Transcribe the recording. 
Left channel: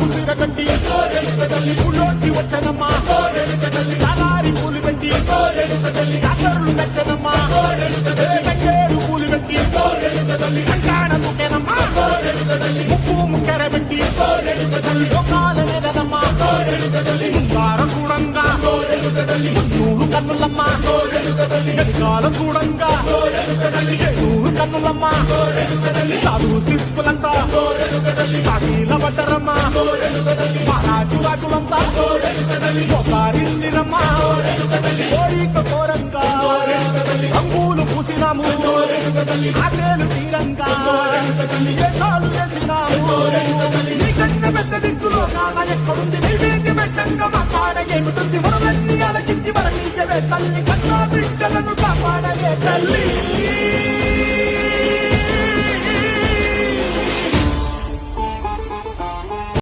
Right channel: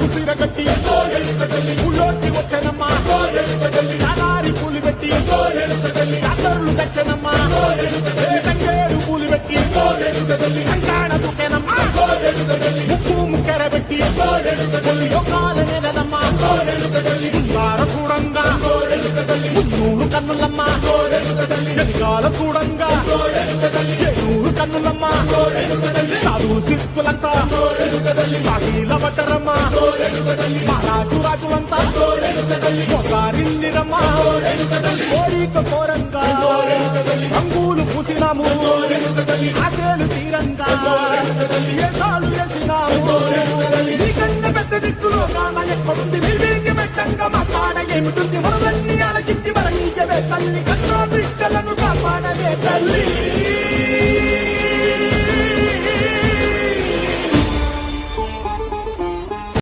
కుసిరగట్టి ఊళ్ళోకి వచ్చనమ్మా చాలారి పూలు పెట్టి జాతరలు తెచ్చనమ్మా తంగేరు పూలు పెట్టి కంకాణ దూకేనమ్మా ముక్కు ముక్కెర పెట్టి ముల్లోకాల నెలదమ్మా ముందార చూడంగా మున్నూరు కన్నులమ్మా వెనకాల చూడంగా ఏనూరు కన్నులమ్మా సాధువు శిస్తులంతా సాగిల పడ్డరమ్మా మహారాజు రాజులంతా మొగారిల్లిరమ్మా కోరిక కోరంగా రంగులు పూసినాము ఆశలు తీరంగా ఏసాలు వేసినాము నీకన్నా పెద్ద దిక్కులో కాన ఎక్కడుంది నీవేంటి పెట్టంగా మా కాడ ఏమిటుంది మనవన్నీ అలకించి మరణీయవే తల్లి కన్నా బిడ్డల